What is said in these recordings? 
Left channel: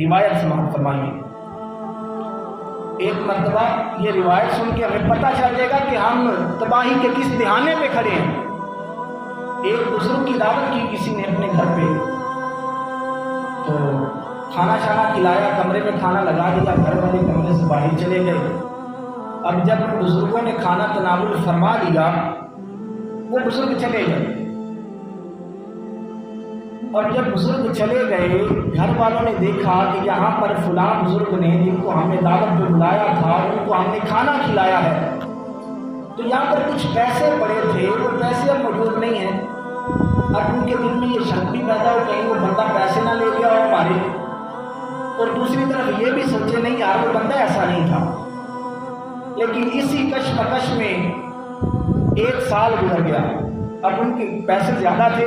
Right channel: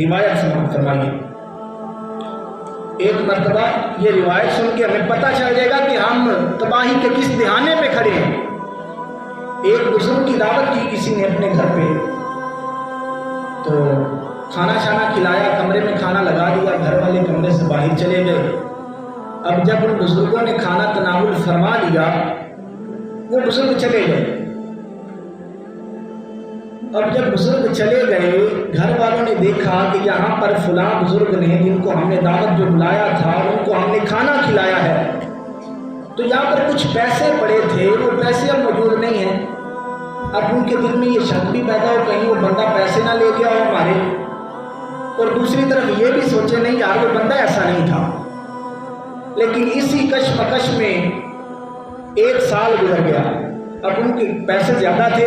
روایت سماعت فرمائیے۔ ایک مرتبہ یہ روایت سن کے ہمیں پتہ چل جائے گا کہ ہم تباہی کے کس دہانے پہ کھڑے ہیں۔ ایک بزرگ کی دعوت کی کسی نے اپنے گھر پہ، تو کھانا شانا کھلایا، کمرے میں کھانا لگا دیا، گھر والے کمرے سے باہر چلے گئے۔ اب جب ان بزرگوں نے کھانا تناول فرما لیا، وہ بزرگ چلے گئے۔ اب جب بزرگ چلے گئے، گھر والوں نے دیکھا کہ یہاں پر فلاں بزرگ نے، جن کو ہم نے دعوت جو بلایا تھا، ان کو ہم نے کھانا کھلایا ہے، تو یہاں پر کچھ پیسے پڑے تھے، وہ پیسے اب موجود نہیں ہیں۔ اب ان کے دل میں یہ شک بھی پیدا ہو کہیں وہ بندہ پیسے نہ لے گیا ہو ہمارے، اور دوسری طرف یہ بھی سوچے نہیں یار وہ بندہ ایسا نہیں تھا۔ لیکن اسی کشمکش میں 1 سال گزر گیا۔ اب ان کے پیسے زیادہ تھے،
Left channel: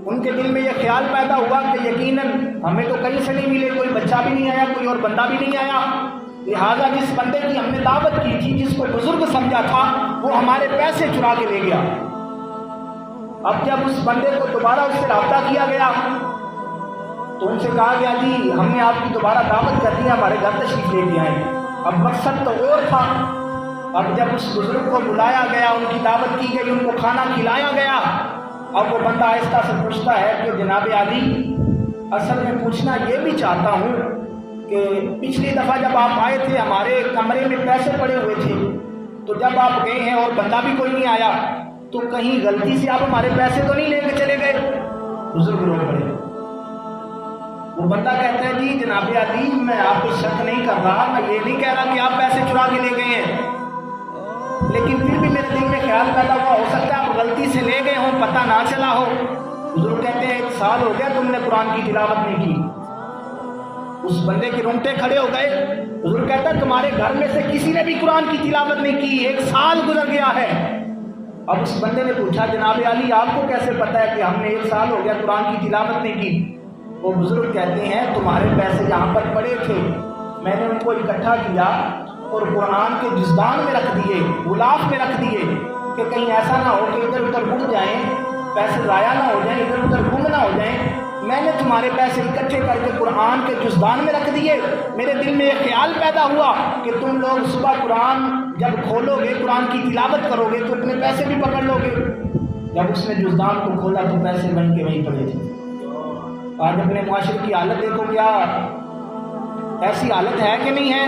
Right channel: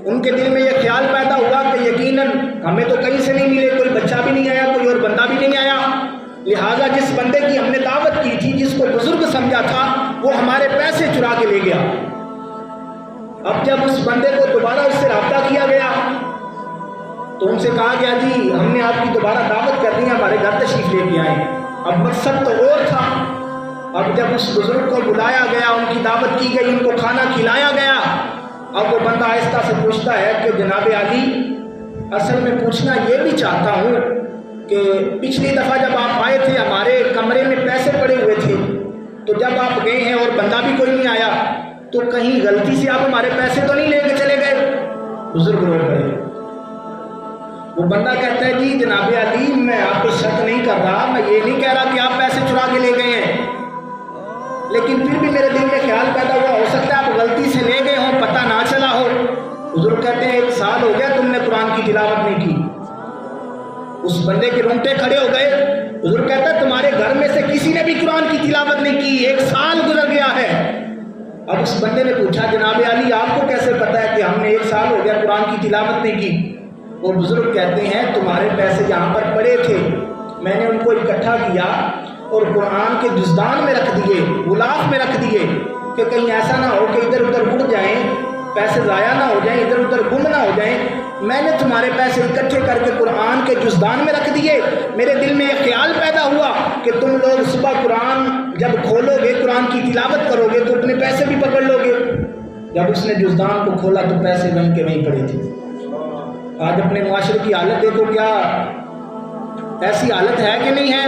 ان کے دل میں یہ خیال پیدا ہوا کہ یقیناً ہمیں تو کہیں سے نہیں ملے، کوئی بچہ بھی نہیں آیا، کوئی اور بندہ بھی نہیں آیا، لہٰذا جس بندے کی ہم نے دعوت کی تھی، جس کو بزرگ سمجھا تھا، وہ ہمارے پیسے چرا کے لے گیا۔ اب جب اس بندے کو دوبارہ اس سے رابطہ کیا گیا تو ان سے کہا گیا جی ہم نے آپ کی دوبارہ دعوت کر دی ہے، ہمارے گھر تشریف لے کے آئے۔ اب مقصد تو اور تھا۔ اب جب اس بزرگ کو بلایا گیا، ان کی دعوت کی گئی، ان کو کھانا کھلایا گیا، اب وہ بندہ آہستہ سے پوچھتا ہے کہ جناب عالی، اصل میں پوچھنا یہ بھی چاہتا ہوں کہ پچھلی دفعہ جب آپ آئے تھے ہمارے کمرے میں پیسے پڑے ہوئے تھے، تو جب آپ گئے ہیں اور بندہ بھی کوئی نہیں آیا، تو کہیں غلطی سے آپ ہمارے پیسے تو نہیں لے کے چلے گئے؟ بزرگ رو پڑے۔ وہ بندہ کہتا ہے جی جناب عالی، میں آپ کو شک نہیں کر رہا، میں یہ نہیں کہہ رہا کہ آپ پیسے چرا کے لے گئے ہیں، لیکن پھر بھی میرے دل میں خیال پیدا ہوا، ہو سکتا ہے آپ غلطی سے لے گئے ہوں، پتہ نہ چلا ہو۔ بزرگ کہتے ہیں 1 سال ہو گیا تم نے قرآن کی تلاوت نہیں کی۔ اس بندے کے رونگٹے کھڑے ہو گئے۔ بزرگ کہتا ہے تمہارے گھر میں سے کسی نے بھی قرآن کی تلاوت نہیں کی، 1 سال گزر گیا ہے۔ اب اس بندے نے پوچھا جناب عالی آپ کو کیسے پتا ہے کہ ہم نے 1 سال ہو گیا قرآن کی تلاوت نہیں کی؟ وہ بزرگ کہتے ہیں تمہارے پیسے جہاں پر پڑے تھے میں نے ان کو اکٹھا کیا اور قرآن کے جزدان میں رکھ دیے، غلاف میں رکھ دیے، کہ کہیں ایسا نہ ہو کہ ادھر ادھر اڑ جائیں، پیسے ضائع نہ ہو جائیں، ادھر ادھر گم نہ ہو جائیں۔ میں نے تمہارے پیسے اکٹھے کر کے قرآن کے جزدان میں رکھ دیے۔ میرے دل میں ایک خیال پیدا ہوا کہ تم لوگ صبح قرآن جب کھولو گے، قرآن کی تلاوت کرو گے تو اپنے پیسے بھی پکڑ لو گے۔ جب اس نے جزدان کو کھولا تو پیسے وہیں کے وہیں پڑے تھے۔ آج اپنے معاشرے کی حالت دیکھو، کیا ایسی حالت ہے کہ نہیں ہے؟